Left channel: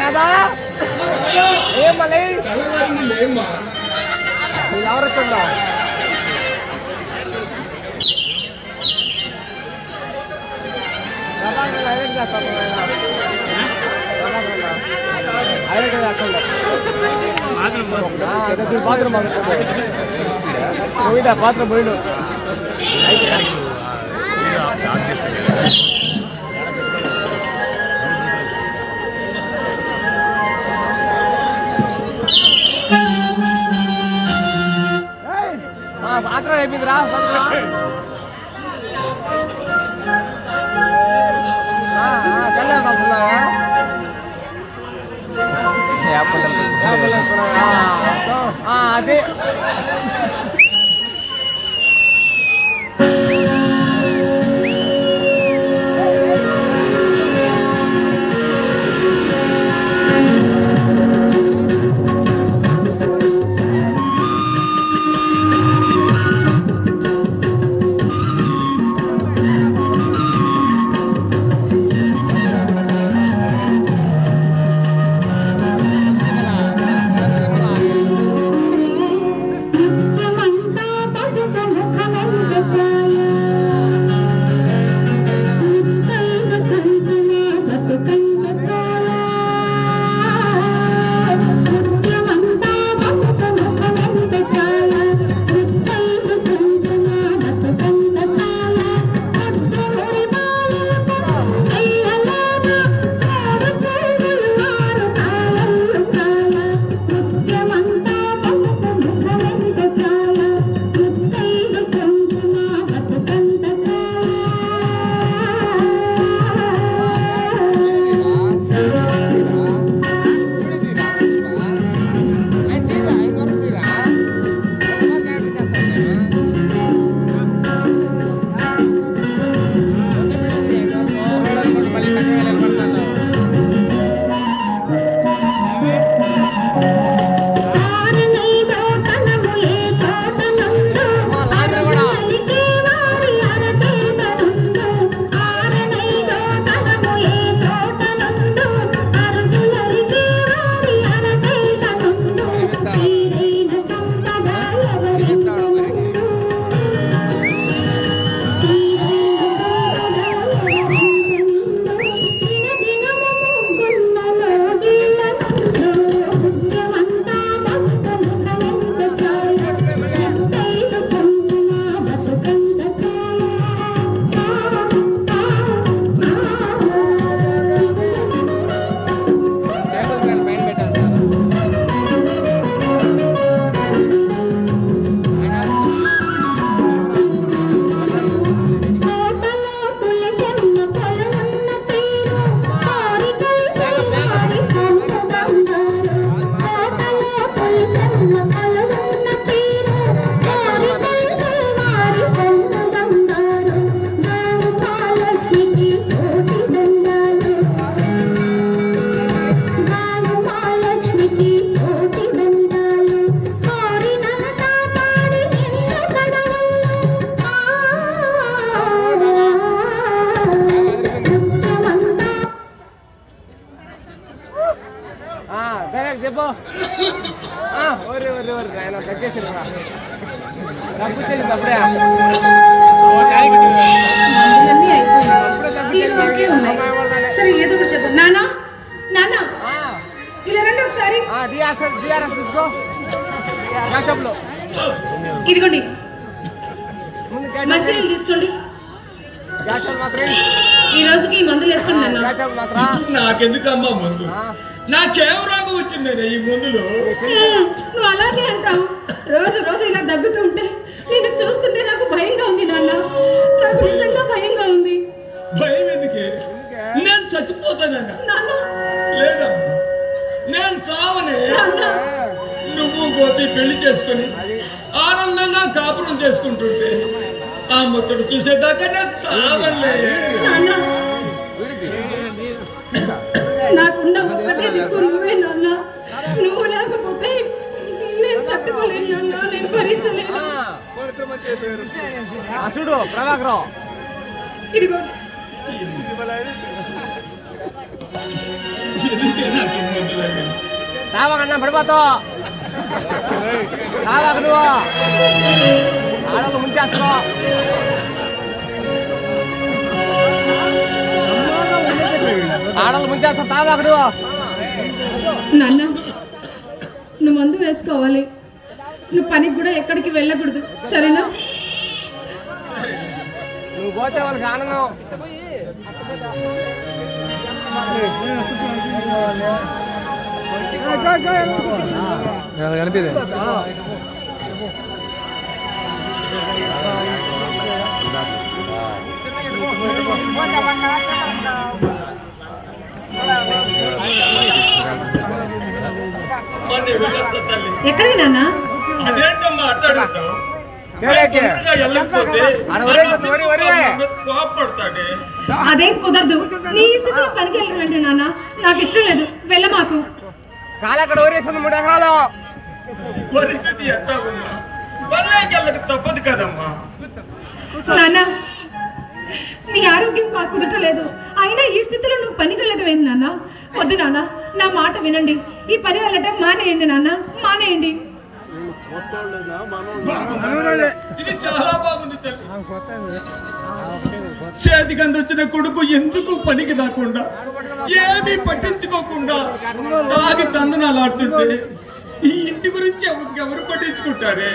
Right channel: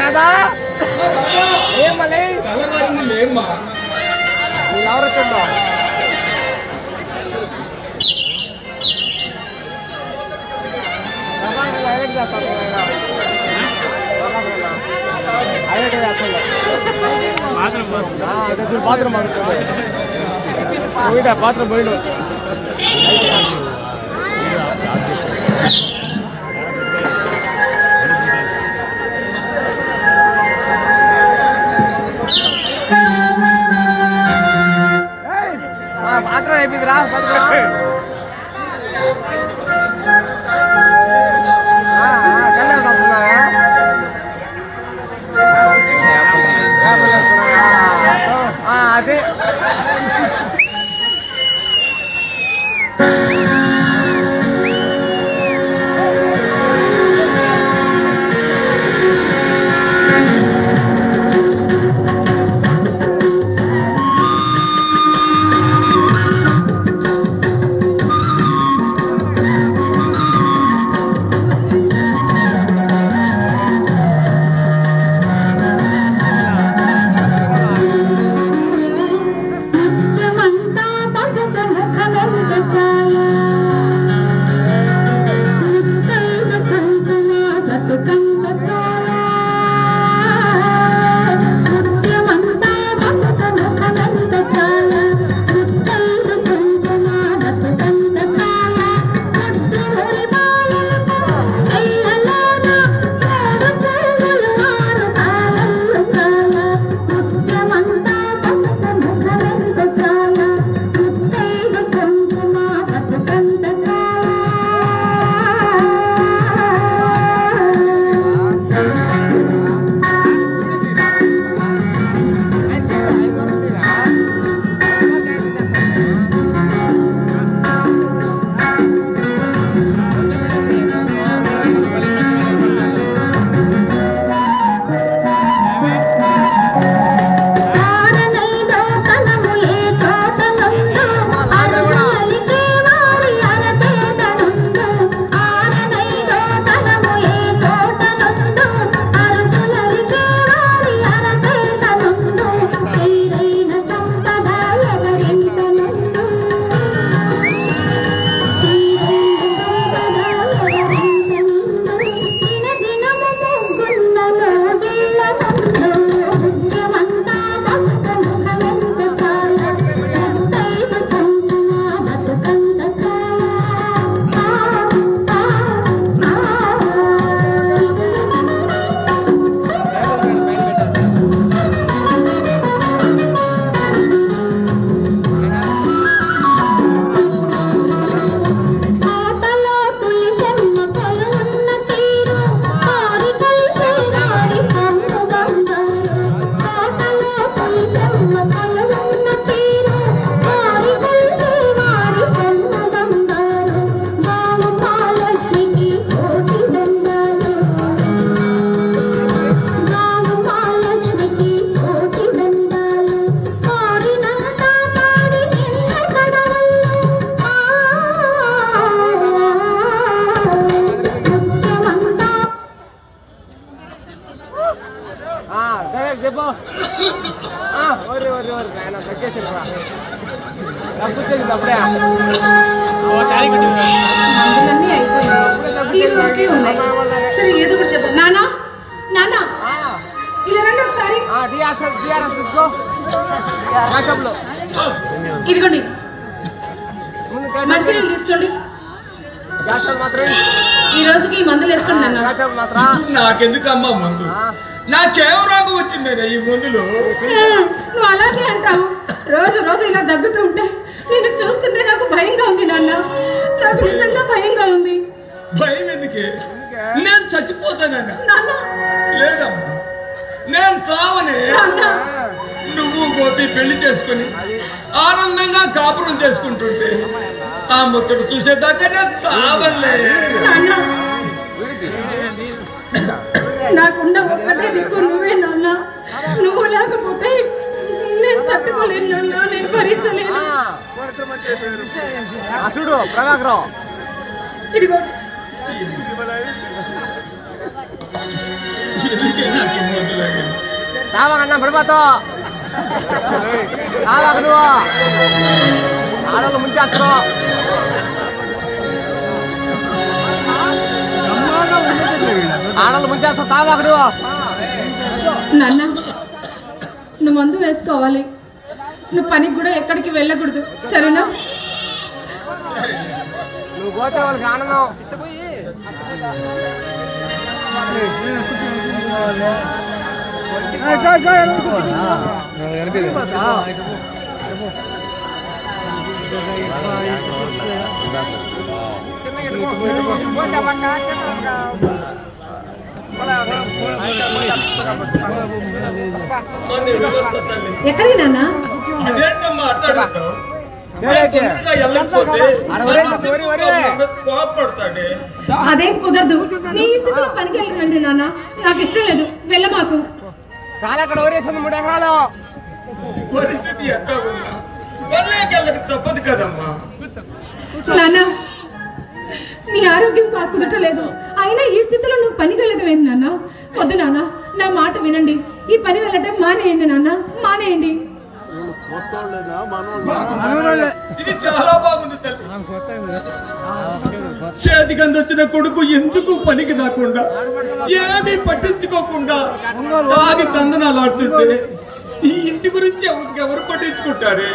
రాధా ఏం మళ్ళీ ఏమ్మా ఎవరుతుందా బాత్రూమ్ బాత్రూమ్ పోయిడు బాత్రూమ్ అయిపోయిందిరా అదే మందులన్నీ అయిపోయాయి. ఈ రోజుకే ఉన్నాయి. సరే ఏదో ఒకటి చెప్పు. నానా నానా ఇలా రండి ఒకసారి. ఇదిగోండి మంచినీళ్ళు తీసుకోండి. ఈ రోజుకి మందులు వేసుకోండి అన్న. నాకెందుకమ్మా మందు? నాకేం రోగం వచ్చింది ఈ మందులు? నువ్వు అలాగే అంటావు. రోజు రోజు ఇలా దగ్గుతూ ఉంటే నిన్ను చూస్తుంటే నాకు భయంగా ఉంది నాన్న. నాకు నిజంగా భయంగా ఉంది. భయం ఎందుకే? నేను చచ్చిపోతానన్నా. లేదమ్మా నేను చావనే. నువ్వు గోపి పెళ్లి చేసుకుని ఆనందంగా కాపురం చేసుకుంటుంటే ఆ ముచ్చట చూసేదాకా నేను చావలే. నాకున్న ఒక్కటే దిక్కు నువ్వే నాన్న. నువ్వు లేకపోతే నేను తట్టుకోలేను నాన్న, నేను భరించలేను. చూడు ప్రభాకరం ఇదిగో రావాకన్నా పడిపోతావు రావాక నువ్వు ఆడలు ముంచేస్తున్నావు ఆడలు ముంచేస్తావు తావాక నువ్వు నాన్న నువ్వు మందు వేసుకోవాలి, నువ్వు పనికి కూడా ఎక్కడికి వెళ్ళకూడదు సరేనా? నువ్వు పోతే వాళ్ళకి ఆనందం ఎక్కడికి నాన్న? అదేంటమ్మా అట్టాడుతావు? కోపడతాడే అదేం కుదరదు. నీ స్థితిలో పనికి వెళ్ళినండి నాన్న, నాకు ఇష్టం లేదు, వెళ్ళమాకు. కాలక్కడ ఊరేసింది 3 ఎకరాలు పరిస్థితి ఎట్లా ఉన్నా పర్లేకెళ్ళక తప్పదు కదమ్మా. నాన్న నీ ఆరోగ్యం కుదరలేదు, అయినా ఈ స్థితిలో నువ్వు పనికి వెళ్ళటమేంది నాన్న? వద్దు నాన్న, నా మాట వినండి, ఈ పని వెళ్ళటం మానేయండి నాన్న, మానేయండి. ఇది చాలా బాగుంది తల్లి. చేతికి అందొచ్చిన కొడుకు ఎందుకు పనికి రాకుండా ఏమీ పట్టించుకోకుండా తాగి తందనాలాడుతుంటే ఈ ఇంటి గురించి ఎవరు పట్టించుకుంటారే?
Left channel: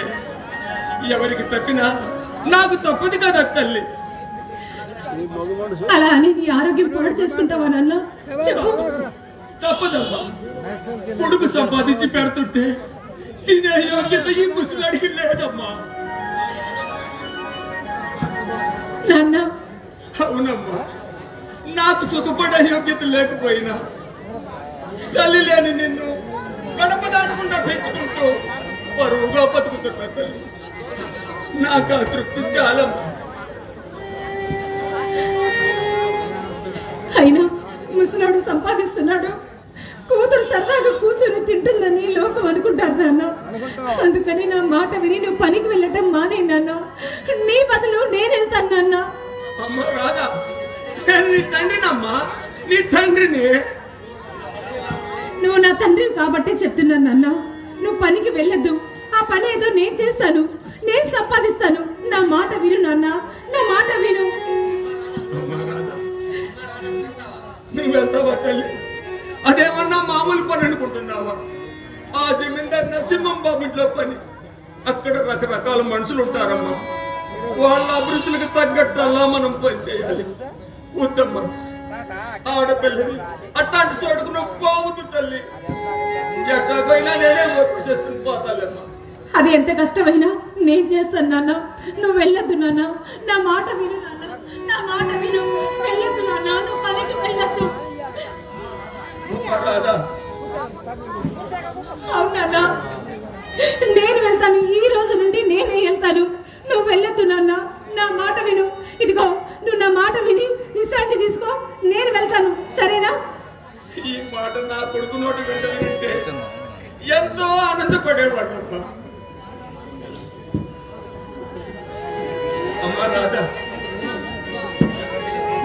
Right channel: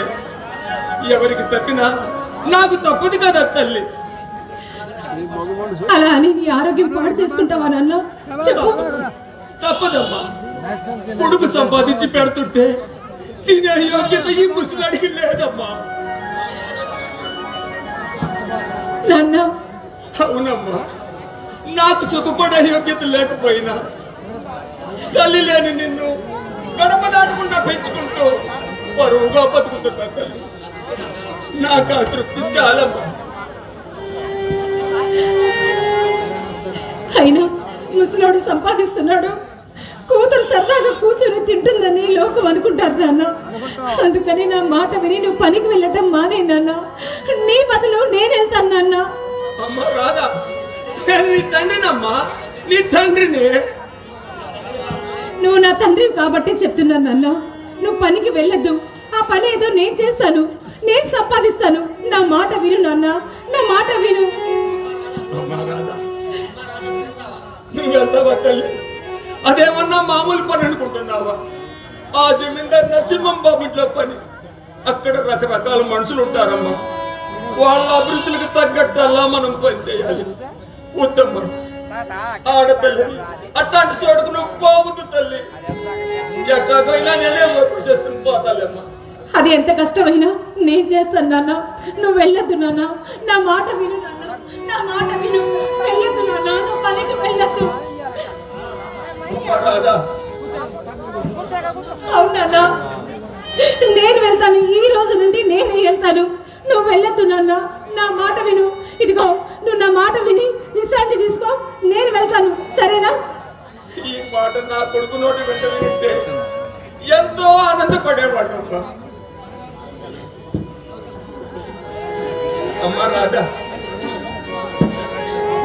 ఎవరికి తప్పినా నాకు తప్పదు కదా తల్లి. అలా అని నీ ఆరోగ్యం పాడు చేసుకుంటావా నాన్న? చెప్పు. తప్పదమ్మా, కొడుకు సంపాదించి పెడుతుంటే తినే యోగ్యత ఈ ముసలాడికి లేదమ్మా. నాన్న అవునమ్మా, నాకు సుఖపడే యోగ్యత లేకపోయినా తల్లి లేని నిన్ను గడప దాటకుండా పెంచుకుంటూ పరువుగా బతుకుతున్నా తల్లి. నాకు ఆ తృప్తి చాలమ్మా. అయినా ముసలోడు సంపాదిస్తున్నాడు, కూతురు సరదాగా కూర్చొని తింటుందని లోకం అనుకుంటారు నాన్న. అందుకని నా మాట విని నువ్వు పనికి వెళ్ళటం మానే నాన్న. నీ బదులు నేను వెళ్తాను నాన్న. అమ్మ రాదా, నేను నీ తండ్రినమ్మా, నీ తండ్రిని. నువ్వు నా తండ్రి కాబట్టి చెప్తున్నాను నాన్న, నువ్వు పనికి వెళ్ళొద్దు. ఆ పని ఏదో నేను చేస్తాను, నేను సంపాదిస్తాను. నా మాట విను నాన్న, నా మాట విను. అమ్మ రాదా, నువ్వు వెళ్తావా తల్లి? అదేమన్నా మామూలు పని అనుకుంటున్నావా? ఆ జమీందార్ నరసింహం బాబు ఇంట్లో పని. అక్కడ రకరకాల మనుషులు ఉంటారమ్మా, వాళ్ళ అభిరుచులకు తగ్గట్టల్లా మనం పని చేయాలి. వద్దమ్మా, ఆడపిల్లని అట్లాంటి చోటుకు నువ్వు పోవద్దు తల్లి. ఎక్కడికైనా నేనే వర్క్ చేసుకుని పోతాలేమ్మా. అది ఎంత కష్టమైనా నేను చేస్తాను నాన్న, నువ్వు వెళ్ళొద్దు నాన్న. నా మాట విను నాన్న, నా మాట విను. వెళ్ళొద్దు నాన్న, నువ్వు పనికి వెళ్ళొద్దు. రాదా, అవునన్నా, నేను వెళ్తాను. ఈ రోజు నుండి నేనే వెళ్తాను, నువ్వు వెళ్ళొద్దు నాన్న. నా మాట విను. ఇదిగో నువ్వు నా మాట విని విశ్రాంతి తీసుకో, నేను వెళ్తాను సరేనా? ఈ మాట నా కొడుకు నోటి వెంట వింటే ఎంతో ఆనందపడేవాడు. అమ్మ రాధా,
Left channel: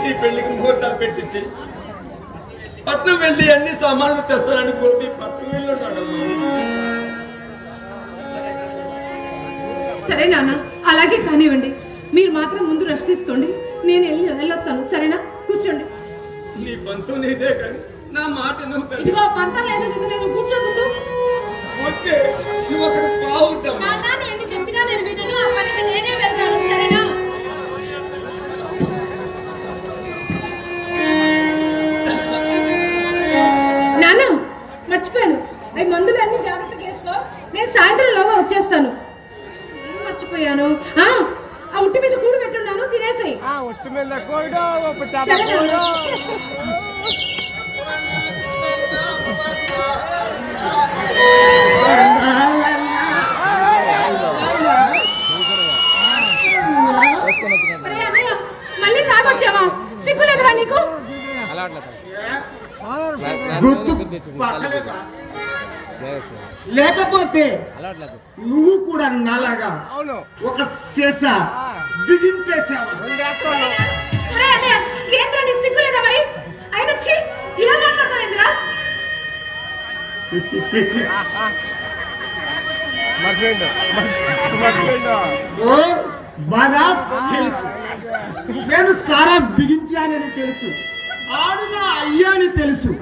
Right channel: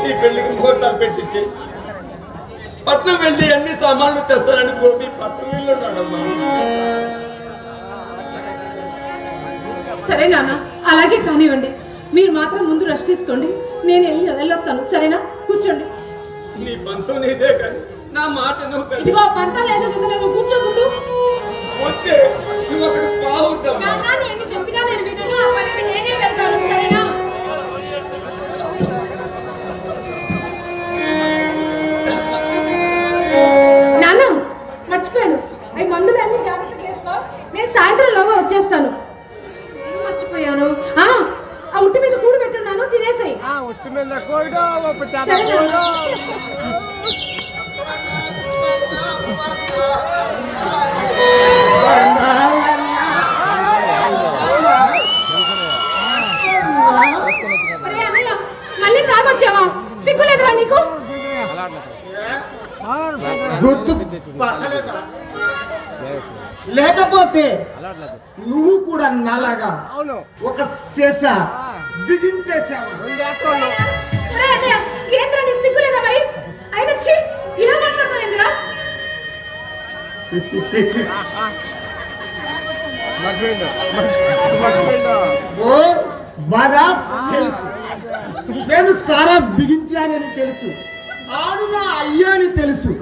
నీ పెళ్లికి ముహూర్తాలు పెట్టించి పట్నం వెళ్ళి అన్ని సామాన్లు తెస్తానని గోపి పట్నం వెళ్ళి ఉన్నాడమ్మా. సరే నాన్న, అలాగే కానివ్వండి. మీరు మాత్రం ముందు రెస్ట్ తీసుకోండి, నేను వెళ్ళొస్తాను సరేనా? కూర్చోండి. నీ పంతం నీదే కానీ నా మాట నువ్వు ఇదిగో పంత లేదు కూర్చో ముందు. వస్తే నువ్వు అక్కడ పావుతావు. నేను చెప్పినా నేను వినను, ఆ పనికి నేనే వెళ్తాను సరేనా? నాన్న మర్చిపోయాను, అవి మందులు అన్ని జాగ్రత్తగా వేసుకో. నేను సాయంత్రం లోగా వచ్చేస్తాను. ఏం మర్చిపోయాను? ఆ ఉట్టి మీద కూడు పెట్టున్నాను, తినేసాయి. మళ్ళీ తాగొచ్చావా? సిగ్గులేదురా నీకు? గుర్తు లేకపోతే నువ్వు కూడా నాలాగా అవును ఒక శేష బిగించేశావు. ఏంటంటే సిగ్గులేదా మరి? ఆయన ఛీ, ఇలా మాట్లాడతావేంద్రా? ఓ బాగా తెలుసు, నేను సారా బిగించానని తెలుసు, ఆడు నా అయ్యా అని తెలుసు.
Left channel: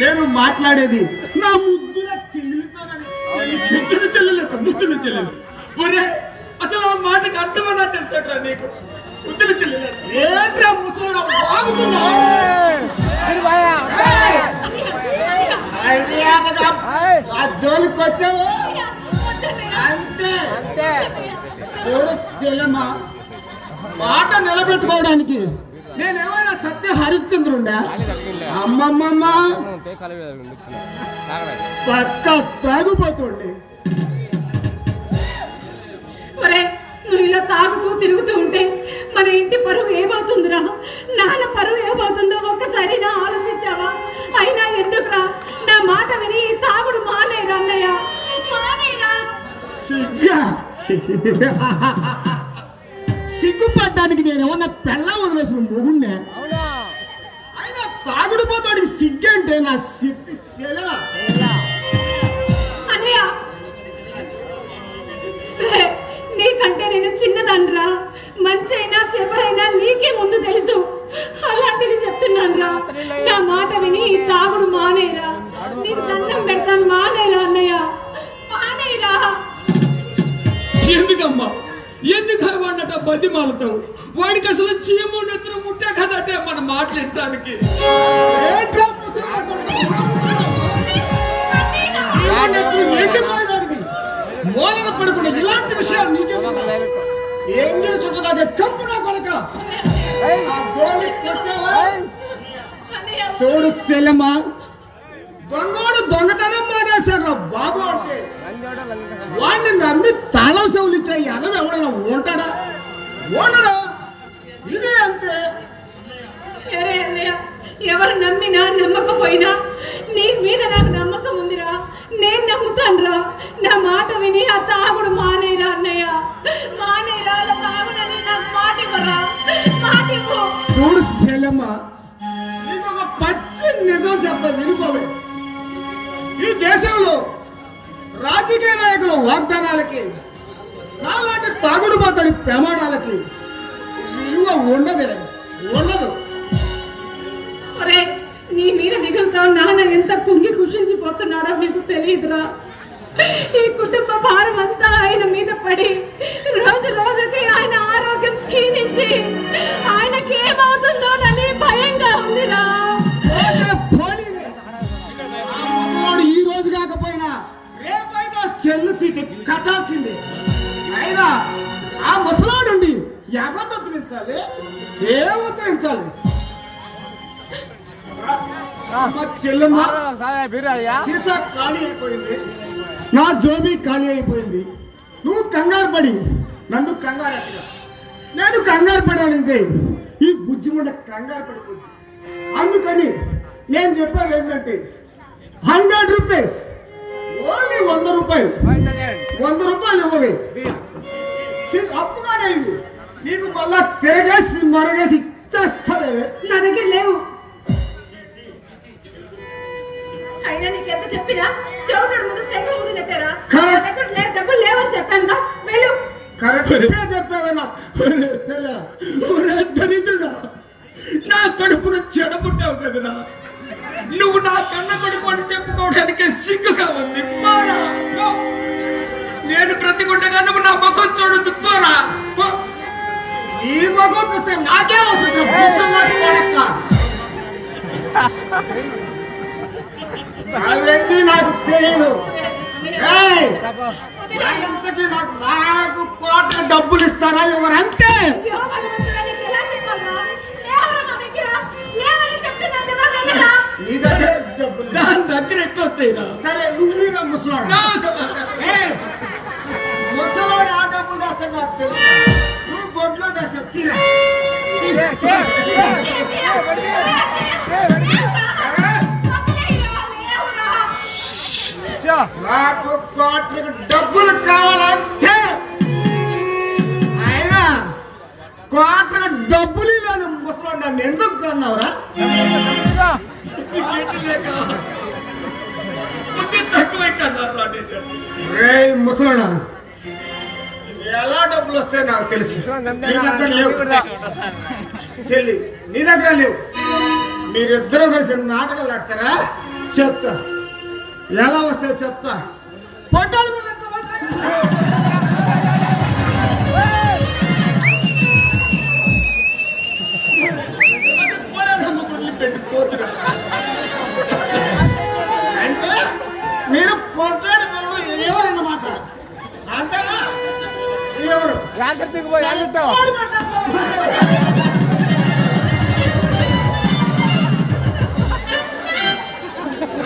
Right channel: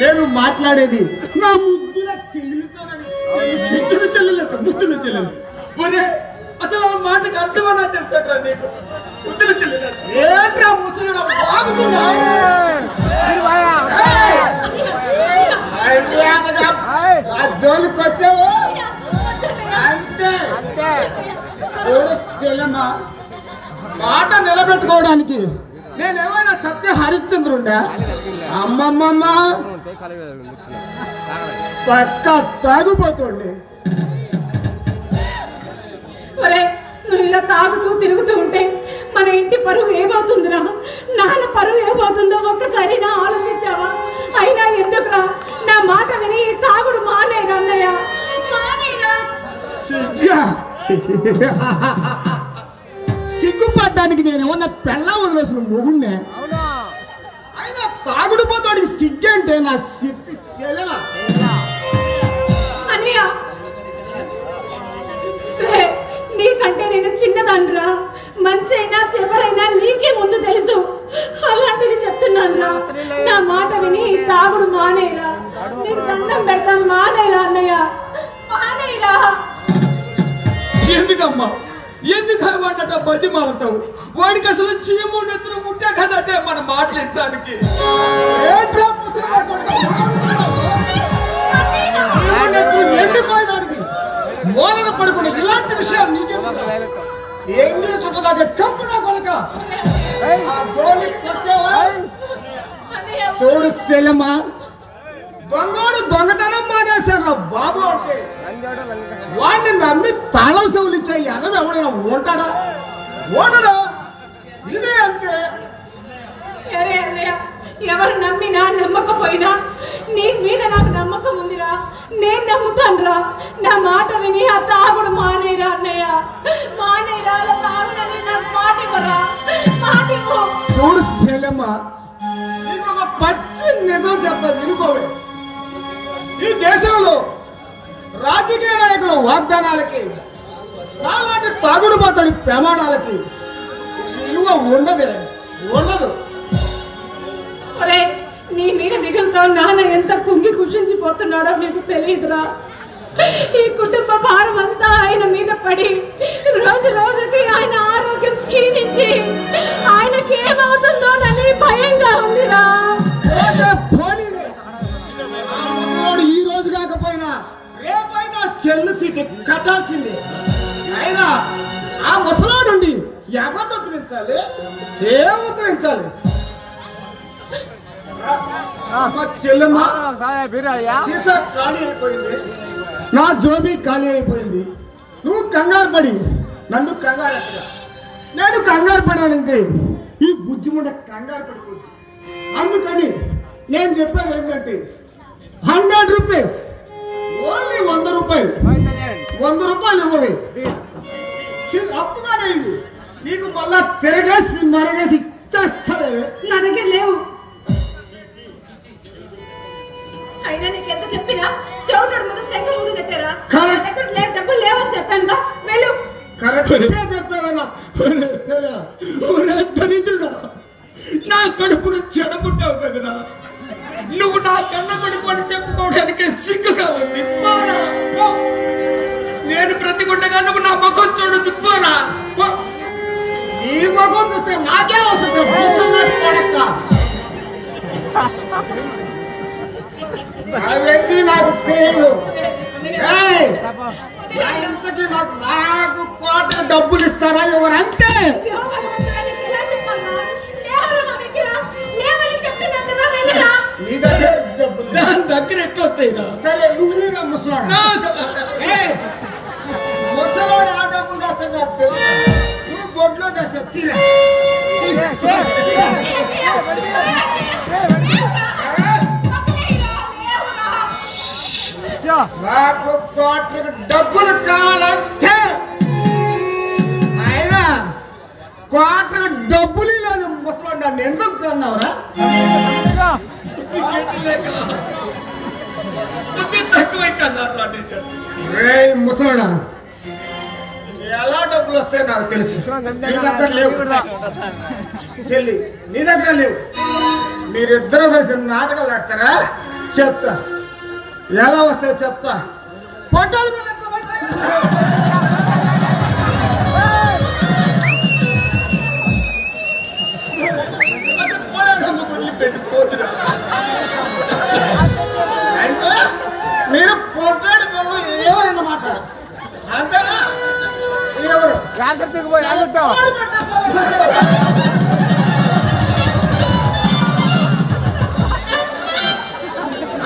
నేను మాట్లాడేది నా ముద్దుల చెల్లెలతోనని. ముద్దుల చెల్లెలు ముద్దుల చెల్లెలు ఒరే అసలు ఆ మాటకు అర్థమన్నా తెలుసట్రా నీకు? ముద్దుల చెల్లెలు ఏంట్రా ముసలి బాగుతుందా? ఆ జోలికి వచ్చావు అంతే. చూడు చెల్లమ్మ, మాట నిలబెట్టుకోవడానికి నేనేమైనా సత్య హరిశ్చంద్రుండా? అమ్మమ్మమ్మ పక్క తాగుపోతుండే. ఒరే, నువ్వు ఇలా తాగుతూ తిరుగుతూ ఉంటే మన ఇంటి పరువు ఏమవుతుందిరా? నాన్న పరువు ఏమవుతుందో ఒక్కసారి నా ఆలోచించావా? అయినా ఎందుకురా? నా మాట విని ఈ తాగుడు మానేరా అన్నయ్య, మానేరా. సిగ్గుపడ్డానికి నేనేమన్నా పెళ్ళ వదిలేసిన మొగుణ్ణే. అయినా తాగుడు పోతాడికి సిగ్గంటే నా సిగ్గు అన్నయ్య, నీకంటే నేను చిన్నదనరా. మంచైనా చెవరైనా నీకే ముందు తెలుసు. అలాంటిది చెప్తున్నాను రా. నా మాట విని ఈ తాగుడు మానేరా. నీకు దండం పెడతాను, మానేరా అన్నయ్య, మానేరా. ఎందుకమ్మా ఎందుకు వాడినట బతిమాలతావు? వాడికి అసలు చీము నెత్తులు ముట్టే కదటే మన మాట్లాడటానికి. మూలన పడుకునే ఇలాంటి విషయాలు నీకే ఎంగిలి చుట్టదాగే చంపు నా కొడుక. చూడు సెల్లమ్మ, దొంగోడు దొంగతనం మానేశారు బాబు అంటే వాడిని నమ్మి తాళం చెవులు ఇచ్చే ఎనవి ఎవడైనా ఉంటాడా? ఓడరా. ఇదే అంతే. అరే అన్నయ్య, ఎవరు నమ్మినా నమ్మకపోయినా నీ మీద నాకు నమ్మకం ఉందిరా. నేను నమ్ముతానురా. నా మాట విని ఆ తాగుడు మానేరా అన్నయ్య, మానేరా. అలా తాగునని నాకు మాట ఇవ్వరా, మాట ఇవ్వు. చూడు సెల్లమ్మ, నీకు ఒక పచ్చి నిజం చెప్తా వినుకోవే. ఈ దేశంలో రాజకీయ నాయకుల వాగ్దానాలకి, నాలాంటి తాగుడు పోతాడి ప్రమాణాలకి విలువ ఉండదు. ఒరే, నీ మీద దిగులతో నాన్న ఎంత కుంగి కుషించిపోతున్నాడో నీకు తెలియదురా. ఈ కుటుంబ భారం అంతా ఆయన మీద పడి రోజు రోజుకి ఆయన ఆరోగ్యం క్షీణించి ఆయనకి ఏమవుతుందో అని భయంగా ఉందిరా. ఈ రోజు కాకపోయినా రేపైనా సెల్లు సీట్ కట్టాల్సిందే. అయినా ఆ ముసలాడుండి ఎవరిని ఉద్ధరించాలి? ఏం ఉద్ధరించాలి? చెల్లెమ్మ సీసా ఖాళీ అయిపోయింది, నా జోబీ ఖాళీ అయిపోయింది. నువ్వు కంగారు పడి నన్ను కంగారు ఎట్టగా. నేను కంగారు పడానంటే ఈ బుజ్జిముండ కంగారు పడిపోయింది. అందుకని నేను చెప్పేది ఏంటంటే 100 రూపీస్, ఓన్లీ 100 రూపాయలు, 100 రూపాయలు ఇవ్వవే. అప్పుగానే ఇవి నీకు మళ్ళా తిరగేసి మరగేసి ఇచ్చేస్తాడే. నా దగ్గర లేవు. అయినా నీకు ఎంత చెప్పినా చౌటడు ముందు సెక్క ముందు నెట్టారా? నా దగ్గర లేవు, డబ్బులు లేవని చెప్పాను. వెళ్ళు. కరెక్ట్గా చెప్పావన్నా. దరిద్రుడా, నా కడుపును చెడబుట్టావు కదరా. నువ్వు నా కన్న కొడుకు అని చెప్పుకోవడానికి సిగ్గుగా ఉంది. నేను ప్రతిగుండగా నువ్వు నా ముఖం చూడొద్దు. పోరా. ఈ ముఖం చూస్తే నాకే వస్తుంది. అవన్నీ నాకు తెలియదు. నాకు కోట డబ్బులు ఇస్తారా ఎవరంతే? నీ దగ్గర డబ్బులు దాని దగ్గర ఎట్లా వస్తాయి? సరే నువ్వు ముసలాడు. ముసలాడు ఆ డబ్బులు చేస్తా నాకు తెలుసు. నువ్వు బొడ్లో చేస్తావు. తీరా నాకు కోట్లకు డబ్బులు కావాలంటే అయినా కోట్లకు డబ్బులు ఇలాని ముసలి నన్ను ఎందుకు కన్నావురా? ముసలాడా ఎలా డబ్బులు వస్తాయి నాకు తెలుసు. నీ దగ్గర లేవు, నీ దగ్గర లేవు. మీరిద్దరూ కలిసి నాటకాలు ఆడతారా? చెప్తా ఎలా వస్తాయి చెప్తా. పొట్టాలు అంటే మీరు పొట్టాడు ఎవరన్నమాట అంతేనా? ఎవరు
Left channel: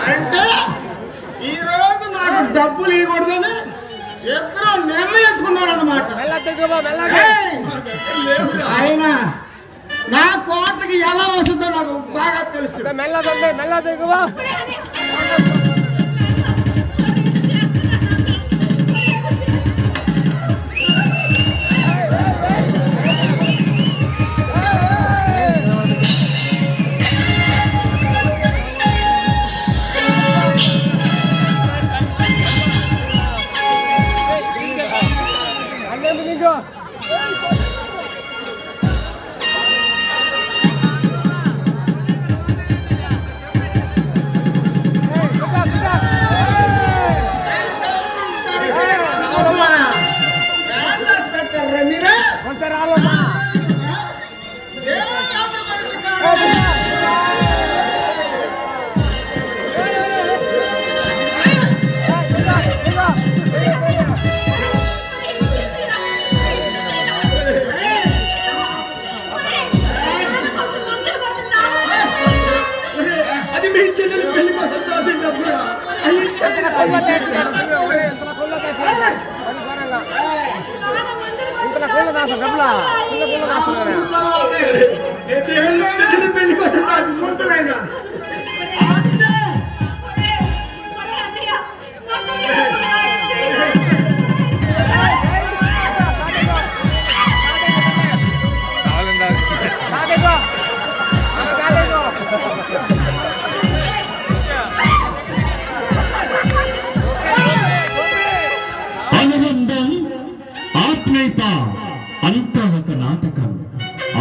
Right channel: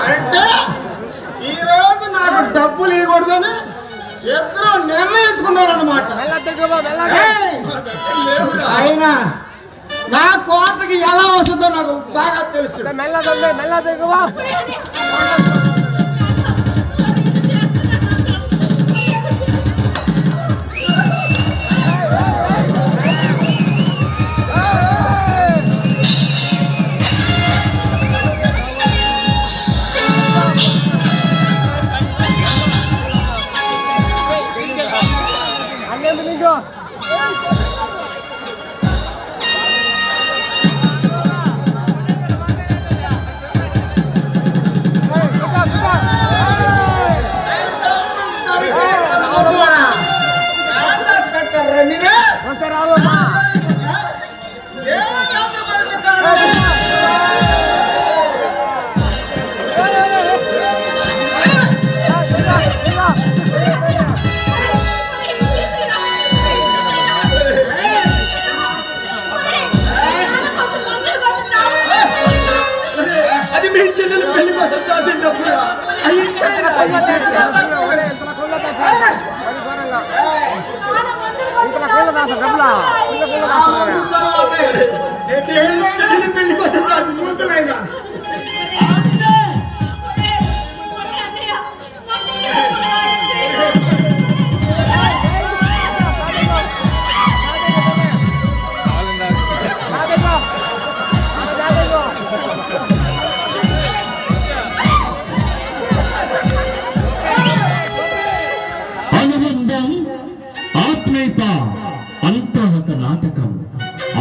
అంటే ఈ రోజు నాకు డబ్బులు ఇవ్వకూడదని ఇద్దరు నిర్ణయించుకున్నారన్నమాట. అయినా నా కోటకి ఎలా వస్తుందో నాకు బాగా తెలుసు. అది మీ చెల్లెలు పెళ్లి కోసం దాచిన డబ్బులు. పెళ్లి కోసం అనుబంధం, ఆత్మీయత అంతా ఒక నాటకం.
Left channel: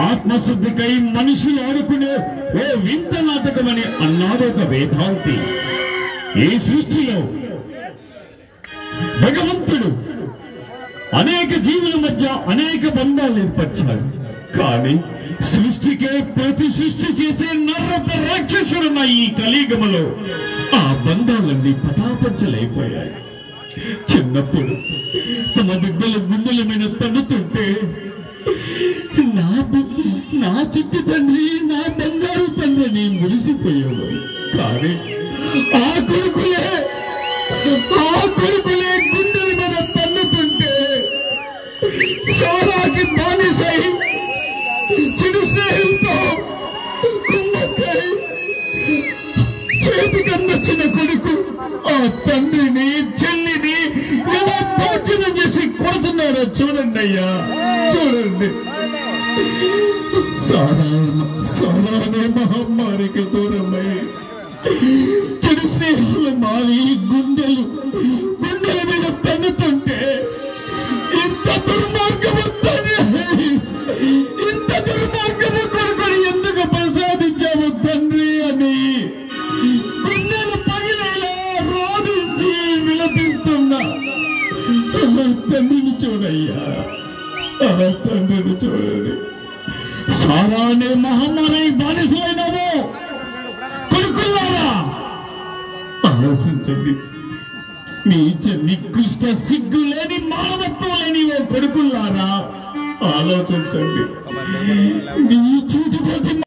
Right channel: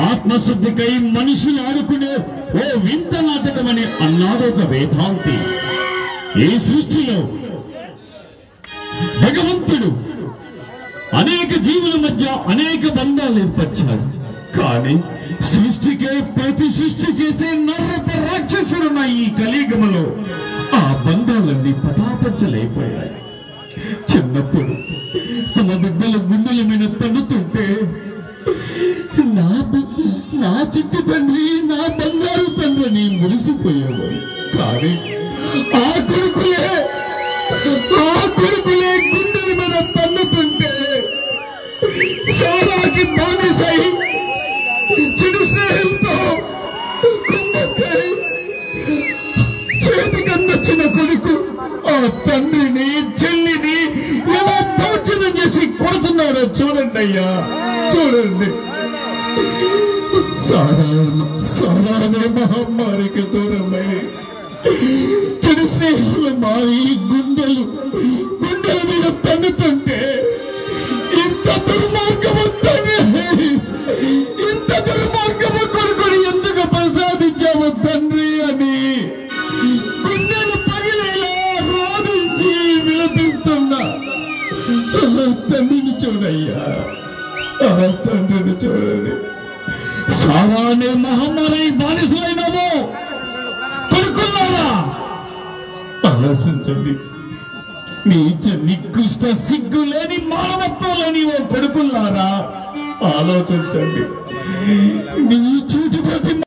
ఆత్మశుద్ధికై మనుషులు ఆడుకునే ఓ వింత నాటకం అని అన్నాడు ఒక వేదాంతి. ఈ సృష్టిలో భగవంతుడు అనేక జీవుల మధ్య అనేక బంధాలు ఏర్పరిచాడు. కానీ సృష్టికే ప్రతి సృష్టి చేసే నర్రప రాక్షసుడున్న ఈ కలియుగములో ఆ బంధాలన్నీ పటాపంచలేకపోయాయి. చిన్నప్పుడు తమ బిడ్డల గుండెల మీద తన్నుతుంటే నా చిట్టి తండ్రి, నా బంగారు తండ్రిని మురిసిపోయేవాడు. కానీ ఆ కొడుకులే గుండెల మీద తన్నుతుంటే సారాకి బానిసై చెడు స్నేహితులతో కుమ్మక్కై చేతికన్నొచ్చిన కొడుకు ఆ తండ్రిని చెల్లిని ఎలా దౌర్జన్యం చేసి కొడుతున్నారో చూడండి అయ్యా, చూడండి. సారానే మహమ్మారికి దూరమై చెడు స్నేహాలు మారి గుండెల మీద తన్నుతుంటే ఇంత దుర్మార్గము కొడుకుని ఎందుకు ప్రసాదించావు తండ్రి అని గుండెలు పగిలేలా రోధించి విలపిస్తున్నా తండ్రిని చూడయ్యా, తండ్రిని చూడండి. సారానే మహమ్మారి బానిసైనావు కొడుకున్నారా? ఆలోచించండి. మీ నికృష్ట సిగ్గు లేని మానవత్వం లేని ఓ కొడుకున్నారా? ఆలోచించండి. మీ చూటుపతి